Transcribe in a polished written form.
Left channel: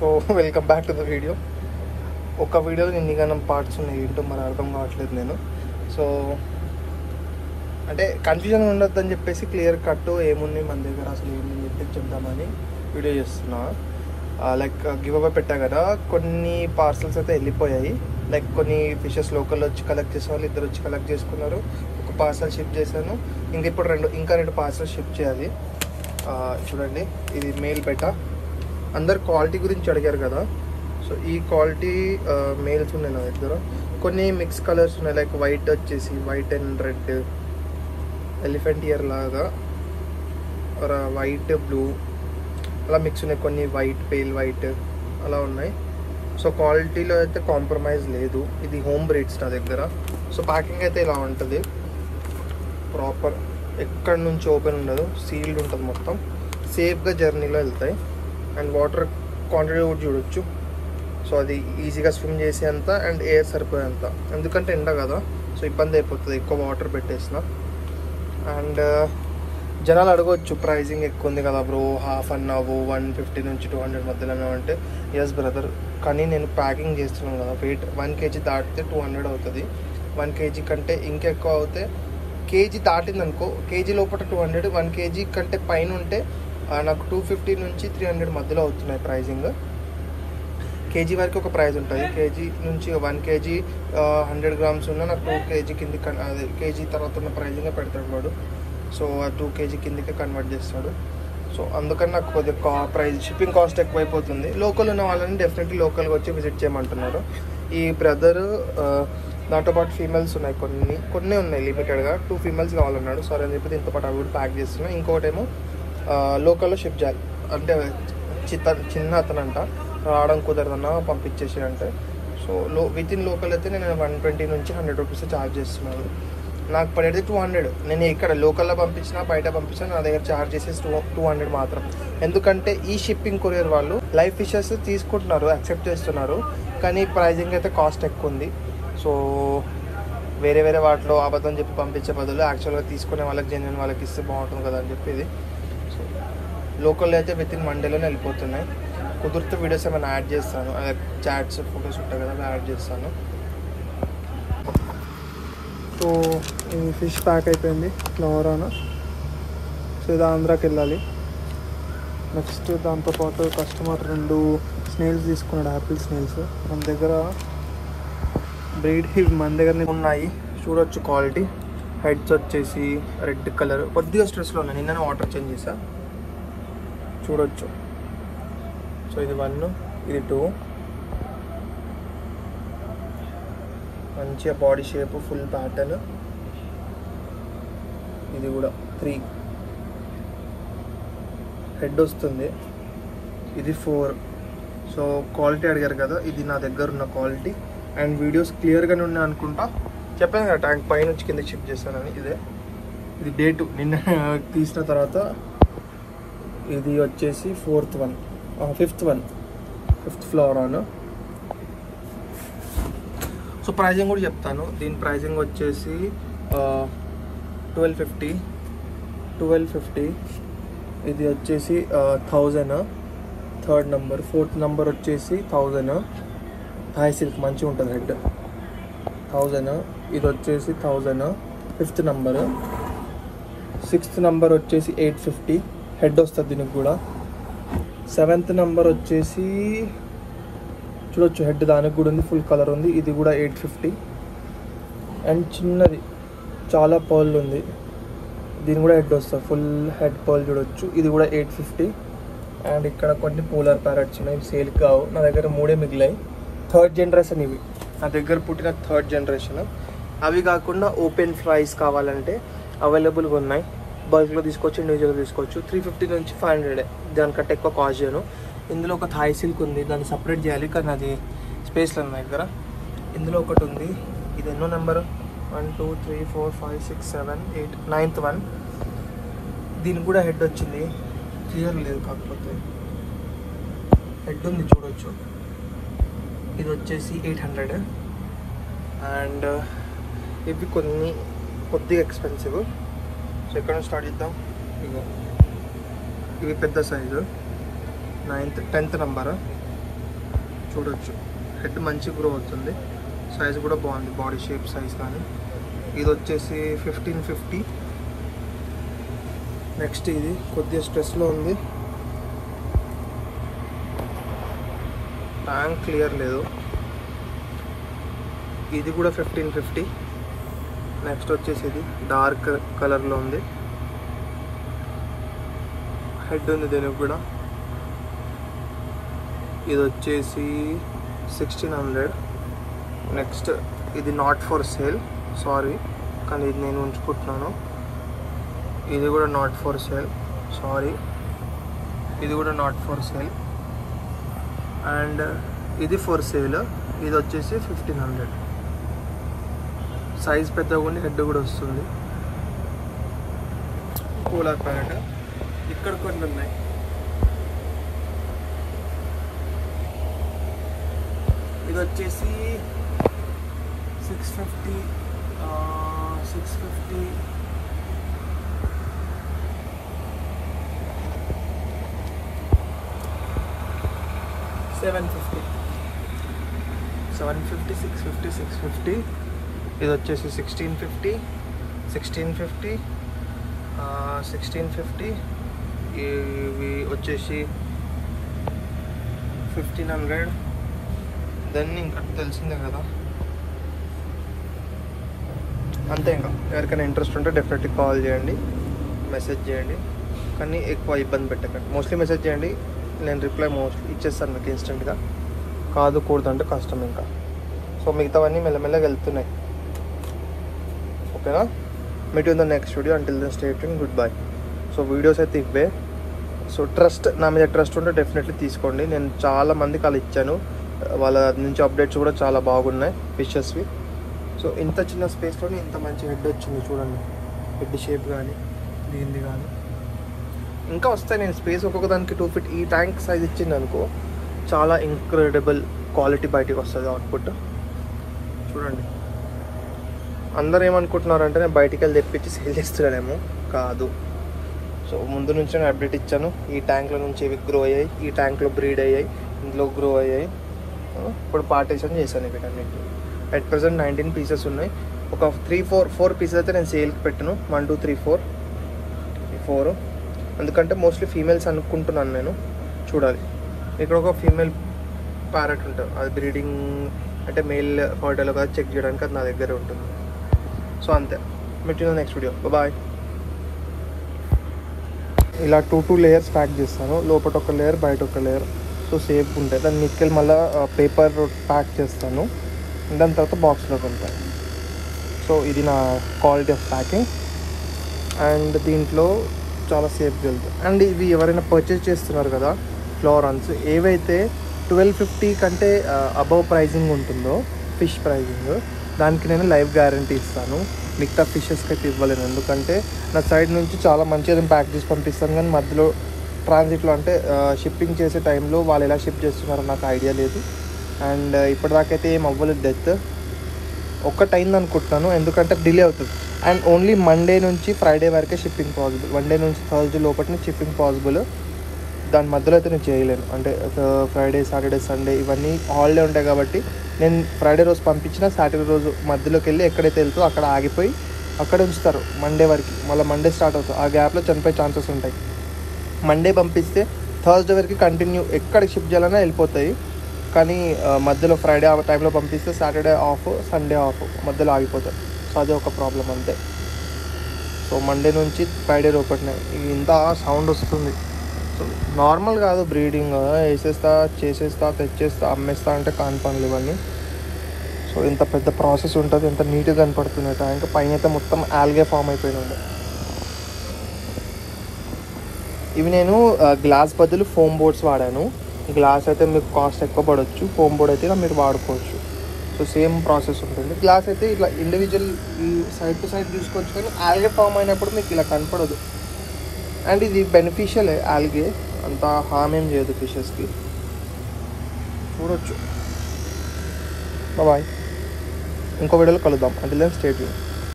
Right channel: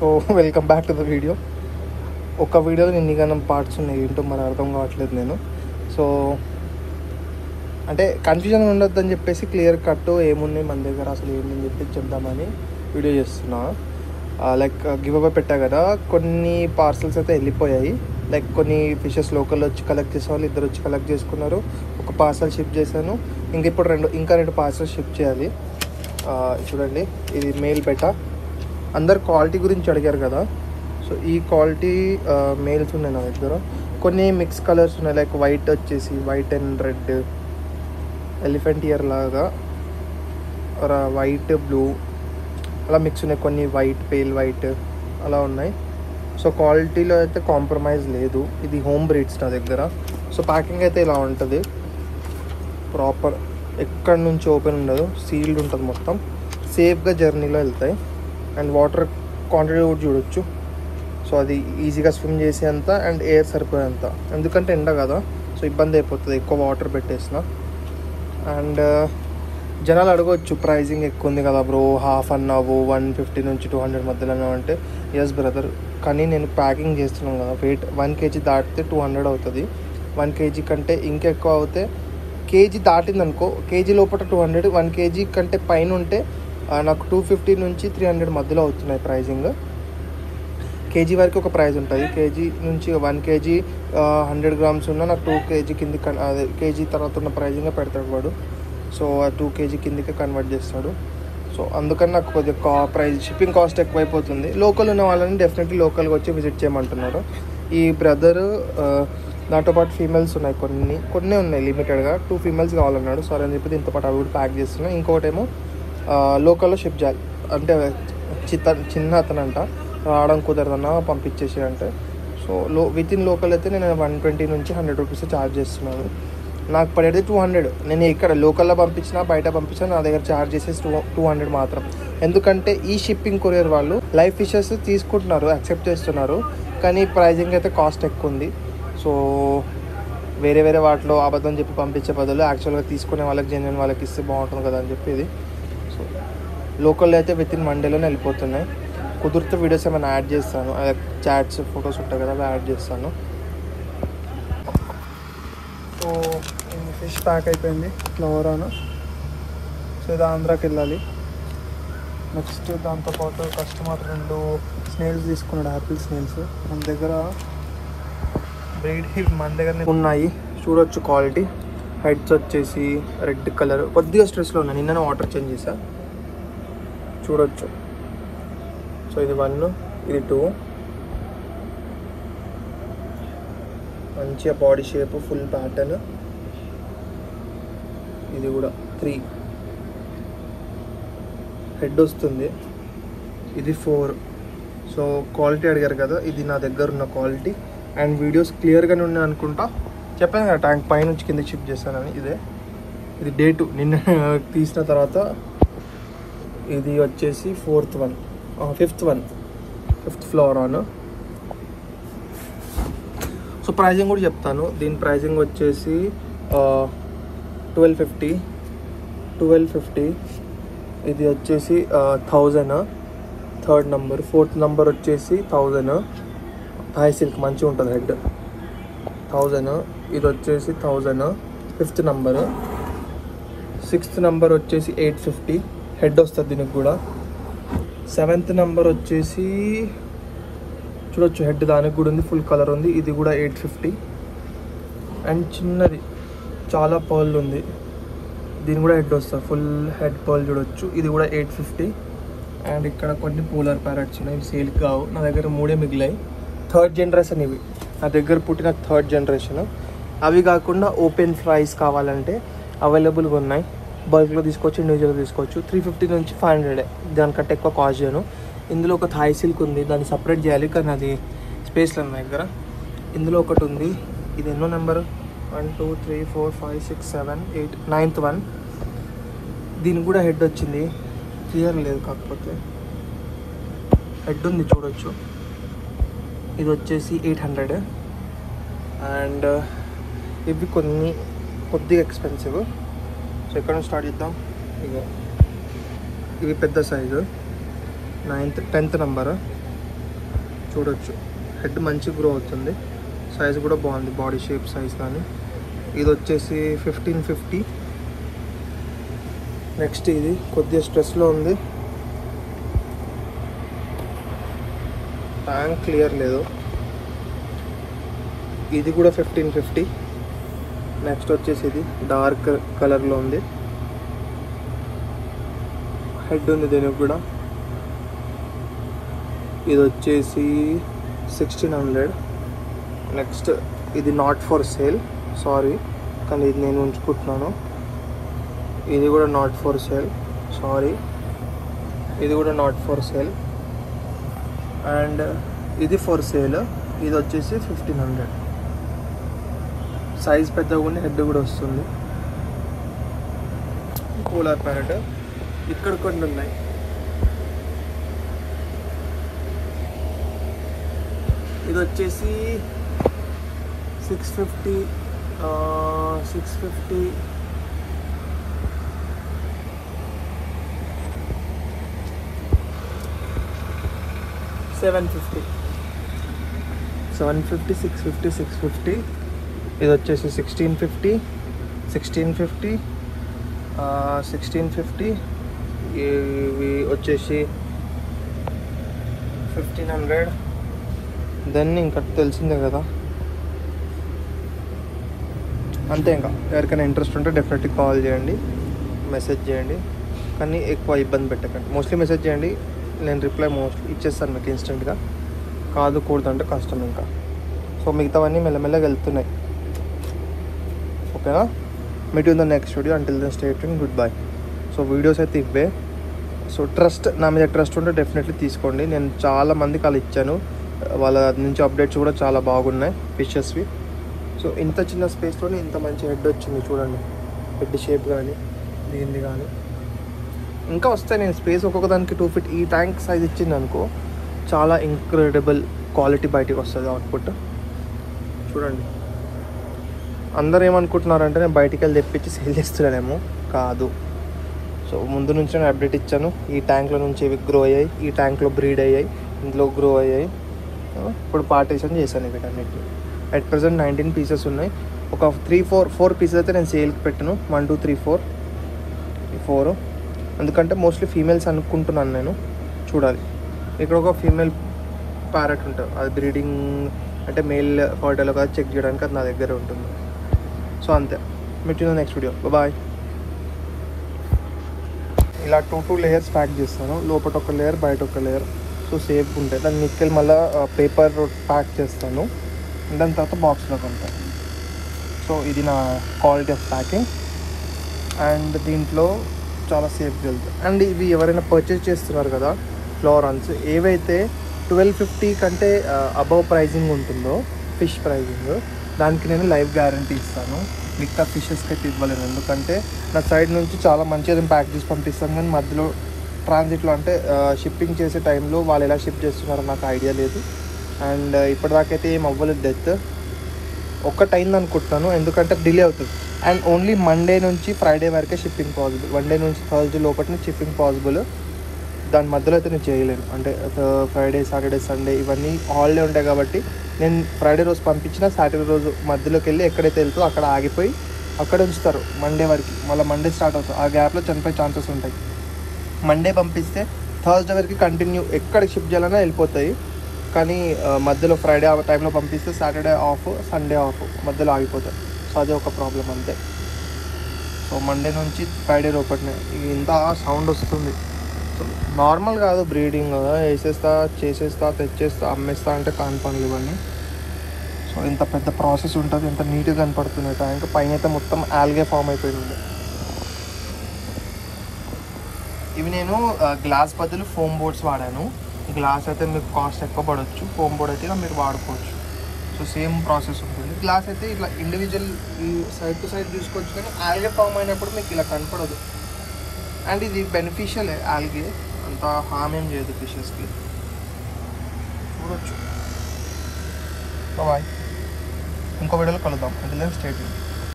So welcome back to the video. ఒక వీడియోలో నిన్నగానం parts ఉన్నాయి, ఏంటో మరి అర్థం కావట్లేదు నేను. సో అంటే కన్ఫ్యూజన్ ఉండొద్దని చెప్పేసి క్లియర్ కట్ ఏమున్నాయి మన దగ్గర అసలు ఏమని చెప్పేసి చెప్దామని వీడియో చేస్తున్నా. లైక్ గివ్ అవే పెట్టా కదా, కొన్ని పార్సల్స్ అయితే వెళ్ళిపోయాయి. లైక్ కొన్ని ఫిషెస్ లోకల్ వచ్చి కలెక్ట్ చేసే వాళ్ళు ఇద్దరు వచ్చి కలెక్ట్ చేసుకున్నారు. ఒక పార్సల్ షిప్ చేశాను, ఇప్పుడు రెండు పార్సల్ షిప్ చేయాలి. చూడండి, ఇది మెయిల్ బెటా. అందరు క్వాలిటీ గురించి అడిగారు కదా, సో ఈ క్వాలిటీ మెయిల్స్ ఉన్నాయి నా దగ్గర. కొన్ని మిక్స్ కలర్స్ ఉన్నాయి, లైక్ వైట్ వచ్చేసి white and red, elephant year లాగా, వైట్ బ్లూ అలా మిక్స్ ఉన్నాయి. కొన్ని వైట్, పేల్ వైట్ అలా ఉన్నాయి. సో క్వాలిటీలో అయితే కాంప్రమైజ్ లేదు. ఇది హోమ్ బ్రీడ్స్ నా దగ్గర. సో ప్యాకింగ్ అయితే ఇలా ఉంటుంది, ప్రాపర్, ఎక్కడి నుంచి ఓపెన్ ఉండదు, సీల్డ్ ఉంటుంది మొత్తం. సేఫ్గా జర్నీలో వెళ్తాయి. అండ్ వాటర్ క్వాంటిటీ కూడా చూడొచ్చు. సో అది ఈజీగా స్విమ్ చేసేంత అండ్ ఎయిర్ సరిపోయేంత, ఎందుకంటే ఎండ కదా, సో ఇబ్బంది అయిపోతుంది ఎక్కువ వాటర్ పెట్టేసిన. అండ్ జనాలు అడగవచ్చు, ప్రైజింగ్ ఎక్కువ ఉంది కదా బ్రో, హాఫ్ అన్నావు 150 నుంచి 200 మధ్యలోనే అంటే. ఎస్ బ్రదర్, కానీ నేను ప్యాకింగ్ చేస్తున్నాను కదా, వెయిట్ 1 kg దాటితే 200 అవుతుంది. 1 kg కంటే ఇంకా ఎక్కువ అవుతే, కేజీ దాటింది అనుకో, కేజీ లోపల 200, 1 kg కంటే పైన ఉంటే నాకు 250 నుంచి 300 మధ్యలో అవుతున్నాయి ప్రైజింగ్. కేజీ వరకు ఒక ప్రైస్ ఉంటుంది. కేజీ నుంచి 1 kg 100 grams ఉన్న నాకు 2 kg కింది, అదే కేజీ తర్వాత ఉన్న ప్రైజింగ్ పెడతాడు వాడు. సో ఆ 2 kg కిందికే కన్వర్ట్ చేస్తాడు. సో అందుకని నాకు కొద్దిగా ప్రైస్, షిప్పింగ్ కాస్ట్ ఎక్కువైపోతుంది. లోకల్ ఉన్న వాళ్ళని డెఫినెట్లీ లోకల్గా వచ్చి విజిట్ చేయమంటున్నారు. ఈ బ్రదర్ దాంతో పాటు ఫీమేల్స్ ఉన్నాయి, కొన్ని ఉన్నాయి లిమిటెడ్గా. 2 ఫీమేల్స్ కావాలన్నాడు. సరే అని చెప్పి దీంతో పాటు అవి కూడా ప్యాక్ చేస్తున్నా. ఇంకోటేమో లోకల్లో షిప్ చేయాలి అంటే, చిన్న అతనంట, రావడం కుదరదన్నా పంపించేసి అంటే. సో విత్ ఇన్ లోకల్ అయితే నేను 120 నుంచి 100 రూపీస్ ఛార్జ్ చేస్తున్నాను. నాకు పడేది 200. నేను ఇక్కడ లోకల్లో పంపించినా బయట పంపించినా నా దగ్గర ఛార్జ్ చేసేసి 200 మాత్రం. ఎందుకంటే ఈ షిప్పింగ్ కొరియర్ వాళ్ళు లైవ్ ఫిషెస్ తీసుకుంటున్నారు, యాక్సెప్ట్ చేస్తున్నారు, కానీ ప్రైజింగ్ అయితే కాస్ట్ ఎక్కువ ఉంది. సో వేరే వాటిలో అబద్ధం చెప్పి పంపించే బదులు యాక్చువల్గా తీసుకునే వాళ్ళకి, జెన్యున్ వాళ్ళకి ఇస్తే బాగుంటుంది కదా అని చెప్పి ఇది. సో లోకల్లో అయితే విత్ ఇన్ 1 డేలోనే వెళ్ళిపోతున్నాయి. కుదిరితే వీడియోస్ ఏమైనా యాడ్ చేస్తాను, చాట్స్, ఫొటోస్ ఉంటాయి కదా, అవి యాడ్ చేస్తాను. ఫిష్ ప్యాక్ అయిపోయింది ఫ్లవరాను. సో ఇది ఆంధ్రాకి వెళ్ళాలి. నెక్స్ట్ దాంతోపాటు కస్టమర్ 2 స్నేల్స్ తీసుకున్నాడు, ఆపిల్ స్నేల్స్. మన దగ్గర బ్రీడ్ మన దగ్గర ఉన్నాయి, చూడొచ్చు క్వాలిటీ. హెడ్స్ వచ్చేసి రెడ్ కలర్, కొద్దిగా స్ట్రెస్లో ఉన్నాయి, నిన్న వాటర్ చేంజ్ చేసా, చూడొచ్చు. సో ఇది 1, ఇది 2, మంచిగా బాడీ షేప్, ఫుల్ ప్యాటర్న్. ఇది కూడా 3 హెడ్ వస్తుంది. ఇది 4. సో క్వాలిటీ అడిగారు కదా, ఇది నా దగ్గర ఉన్న క్వాలిటీ. అండ్ వీడియోస్ క్లియర్గానే ఉన్నాయి అనుకుంటా, చెప్పాను కదా ట్యాంక్ పై నుంచి కింద షిఫ్ట్ చేస్తానని. ఇది డే 2 నిన్న తీసిన తర్వాత. ఇది వచ్చేసి 5th floor on. So pricing కూడా చెప్తాను. దీని ప్రైజింగ్ వచ్చేసి 1250. ఇది వచ్చేసి 1000. 3rd number. 4th నెంబర్ వచ్చేసి 1000. హై సిల్క్ మంచిగా ఉంటుంది హెడ్, 1000. ఇది వచ్చేసి 1000. 5th number. 6th నెంబర్ వచ్చేసి 850 హెడ్ వస్తుంది దీనికి కూడా. 7th నెంబర్ వచ్చేసి చూడొచ్చు, హెడ్ దానికి కూడా ఉంది, ఫుల్ కలర్ ఉంది. ఇది కూడా 850. అండ్ చిన్నది చాలా పర్ల్ ఉంది, దీని కూడా హెడ్ వస్తుంది, ఫుల్ హెడ్ పర్ల్ చూడొచ్చు. ఇది కూడా 850. అండ్ ఇక్కడ కొన్ని పోలార్ ప్యారెట్స్ ఉన్నాయి, సేల్ కావు, నా దగ్గర 3 మిగిలాయి. 3rd జనరేషన్ ఇవి, నా దగ్గర పుట్టిన 3rd జనరేషన్. అవి కాకుండా ఓపెన్ ఫ్రైస్ కావాలంటే అవైలబుల్గా ఉన్నాయి. బల్క్లో తీసుకోవచ్చు, ఇండివిజువల్గా తీసుకోవచ్చు. 350 నుంచి 500, దానికంటే ఎక్కువ కాస్ట్ చేయను. ఇందులో ఒక థాయ్ సిల్క్ ఉంది, దాన్ని సపరేట్ చేయాలి, కానీ అది స్పేస్లో ఉంది నా దగ్గర. ఇందులో ఒకటి ఉంది, ఇది ఎన్నో నెంబర్, 1 2 3 4 5 6 7 8 9th వన్. దీనికి కూడా హెడ్ వచ్చింది, క్లియర్ లేదు కాకపోతే హెడ్ ఉంది, చూడొచ్చు. ఇది వచ్చేసి 800. అండ్ ఇవి కొద్దిగా ఎక్స్పెన్సివ్. సో ఎక్కడ నుంచి స్టార్ట్ చేద్దాం. ఇవి పెద్ద సైజు, 10th నెంబర్. చూడొచ్చు. హెడ్ మంచి గ్రో అవుతుంది, సైజ్ కూడా బాగుంది, బాడీ షేప్ సైజ్ కానీ. ఇది వచ్చేసి 1550. నెక్స్ట్ ఇది కొద్దిగా స్ట్రెస్లో ఉంది, ట్యాంక్ క్లియర్ లేదు. ఇది కూడా 1550. నెక్స్ట్ వచ్చేసి ఇది డార్క్ కలర్లో ఉంది, హెడ్ ఉంది దీనికి కూడా. ఇది వచ్చేసి 1600. నెక్స్ట్ ఇది నాట్ ఫర్ సేల్, సారీ, కానీ ఇది నేను ఉంచుకుంటున్నాను. ఇది కూడా నాట్ ఫర్ సేల్, సారీ, ఇది కూడా నాట్ ఫర్ సేల్. అండ్ ఇది ఫర్ సేల్, ఇది వచ్చేసి 1500. సైజ్ పెద్దగా ఉంది, హెడ్ కూడా వస్తుంది. కూలర్ ప్యారెట్ ఇక్కడ కొన్ని ఉన్నాయి. ఇది వచ్చేసి 650, 650, 750, 750, 650, 650. ఇది వచ్చేసి 1650, 1650, 1650. ఇవి వచ్చేసి 1500. దెన్ ఇంకా తెలిసిందే కదా, అంతే. ఇంకా ఎవరికైనా ఇంట్రెస్ట్ ఉంటే డెఫినెట్లీ కాల్ చేయండి, మెసేజ్ చేయండి, కానీ ఎక్కువ ఇబ్బంది పెట్టకండి. మోస్ట్లీ మెసేజ్ చేయండి, నేను రిప్లై మోస్ట్లీ ఇచ్చేస్తాను మీకు ఇన్స్టెంట్గా. కాదు కూడదంటే కష్టం ఇంకా. సో మిగతావన్నీ మెల్లమెల్లగా వెళ్తున్నాయి. ఓకేనా, meet in the next video. Until then stay tuned, good bye. So videos అయితే ఇవే. సో నా మీద ట్రస్ట్ ఉంటే డెఫినెట్లీ తీసుకోండి. నేను చాలా మందికి అలా ఇచ్చాను, వాళ్ళ నుంచి అప్డేట్స్ కూడా చాలా బాగున్నాయి ఫిషెస్వి. సో ఇంత చిన్న స్పేస్లోనే ఇంత మంచి హెడ్ వచ్చింది చూడండి, హెడ్ షేప్ కానీ దీనిది కానీ. ఇంకా వస్తాయి, నేను స్పేస్ ఒక్కొక్క దానికి 2 feet ఈ ట్యాంక్ సైజ్ ఇచ్చింది అనుకో, చాలా ఇంక్రెడిబుల్ క్వాలిటీ బయటికి వస్తుంది అవుట్పుట్. చూడండి, అందరు ఏమనుకుంటున్నారంటే నేను బయటికి వెళ్ళి తెప్పించి సేల్ చేస్తున్నానేమో, కాదు. సో ముందు నుంచి నేను అప్డేట్ ఇచ్చాను. ఈ ట్యాంక్లో నుంచి ఇవి గ్రో అయ్యాయి, ఈ ట్యాంక్లో బ్రీడ్ అయ్యాయి, ఇందులో గ్రో అయ్యాయి. ఇప్పుడు పార్టీషన్ చేశాను వీటన్నిటిని. అట్ ప్రజెంట్ 19 pieces ఉన్నాయి. ఒక 4 pieces అయితే నేను సేల్కి పెట్టాను. 1 2 3 4, ఈ 4. ఎందుకంటే మోస్ట్లీ ఫీమేల్స్ అనుకుంటున్నాను నేను, చూడాలి. ఇక్కడ ఒక ఫీమేల్ ప్యారెట్ ఉంటుంది, అది బ్రీడింగ్ అంటే మేల్ ఫార్టలో కాదు చెక్ చేయడానికి, అది నా దగ్గర ఉంటుంది. సో అంతే, meet in the next video, bye. ఇలా 2 layers ప్యాక్ చేస్తాను, లోపల ఒక లేయర్ బయట ఒక లేయర్. సో సేఫ్ ఉంటాయి. దాన్ని మిక్కలు మళ్ళీ పేపర్ ప్యాక్ చేస్తాను, దాని తర్వాత బాక్స్లో కొంటాను. సో ఇది నా క్వాలిటీ ఆఫ్ ప్యాకింగ్, అండ్ దీంట్లో చాలా సేఫ్గా వెళ్తాయి. అండ్ ఇవి ఎవరైనా పర్చేస్ చేస్తున్నారు కదా ఫ్లోరాన్స్, ఏవైతే 1250 కంటే అబవ్ ప్రైజింగ్ ఉంటుందో ఫిష్ ప్రైజింగ్, దానికి నేను లైఫ్ గ్యారంటీ ఇస్తాను. మిగతా ఫిషెస్కి అయితే ఇవ్వలేను, ఎందుకంటే నా సైడ్ నుంచి చాలా మంచిగా ప్యాక్ చేసి పంపిస్తాను. కానీ మధ్యలో ట్రాన్సిట్లో అంటే షిప్పింగ్ చేసే టైంలో వాళ్ళు ఎలా షిప్ చేస్తున్నారో నాకు ఐడియా లేదు. అండ్ ఇప్పటిదాకైతే ఏం అవ్వలేదు డెత్. ఒక్కటైంది అనుకుంటున్నాను, ఎందుకంటే డిలే అవుతుంది. అండ్ ఓన్లీ మండే నుంచి ఫ్రైడే వరకే షిప్పింగ్ పాసిబుల్, మండే నుంచి థర్స్డే లోపల షిప్పింగ్ పాసిబుల్. దాని మధ్యలో అయితే నేను చేయలేను, అంటే ఫ్రైడే సాటర్డే సండే ఇవన్నీ హాలిడే ఉంటాయి కాబట్టి. నేను ఫ్రైడే రోజు పంపించిన సాటర్డే రోజు మధ్యలోకి వెళ్ళి ఎక్కడైతే వెళ్తుందో అక్కడ ఆగిపోయి అక్కడ ఉంచుతారు మండే వరకు. మళ్ళీ మండే స్టార్ట్ అవుతుంది, ఆ గ్యాప్లో చనిపోయే ఛాన్సెస్ ఉంటాయి. మండే పంపిస్తే థర్స్డే వరకు కంటిన్యూ ఎక్కడికి షిప్ చేయాలన్నా వెళ్ళిపోతాయి. కానీ మధ్యలో ఫ్రైడే ఆ టైంలో పంపిస్తే సాటర్డే ఆఫ్, సండే ఆఫ్, మధ్యలో ఆగిపోతాయి. సో అదే ఒక ప్రాబ్లం అంతే. సో మండే నుంచి ఫ్రైడే లోపలనే ఇంత సౌండ్ వస్తుంది. నార్మల్ కాదు బ్రీడింగ్, వేసేస్తా చేసేస్తా తెచ్చేస్తా అమ్మేస్తా అంటే కాని పనులు ఇవన్నీ. సో ఇంత పెద్ద ప్రాసెస్ ఉంటుంది, ఎంత నీట్గా కనపడుతుంది ట్యాంక్. పైన అయితే మొత్తం ఆల్గే ఫామ్ అయిపోయి ఉంది. ఇవి నేను గ్లాస్ బదులు ఫోమ్ బోర్డ్స్ వాడాను. గ్లాస్ అయితే మీకు కాస్ట్ ఎక్కువ పడవచ్చు, ఫోమ్ బోర్డ్ అయితే మీరు వాడుకోవచ్చు. సో సేమ్ ప్రాసెస్ ఉంటుంది. గ్లాస్ అయితే ఇట్లా ఇండివిజువల్ సైడ్ టు సైడ్ చూసుకోవచ్చు, కానీ ఆల్గే ఫామ్ అయినప్పుడు మీకు ఇలా కనపడదు. అండ్ ఇది బెనిఫిషియల్, ఆల్గే అంత హామ్ ఏం చేయదు ఫిషెస్కి. చూడొచ్చు. బాయ్, ఇంకో వీడియోలో కలుద్దాం. అంటే స్టే ట్యూన్.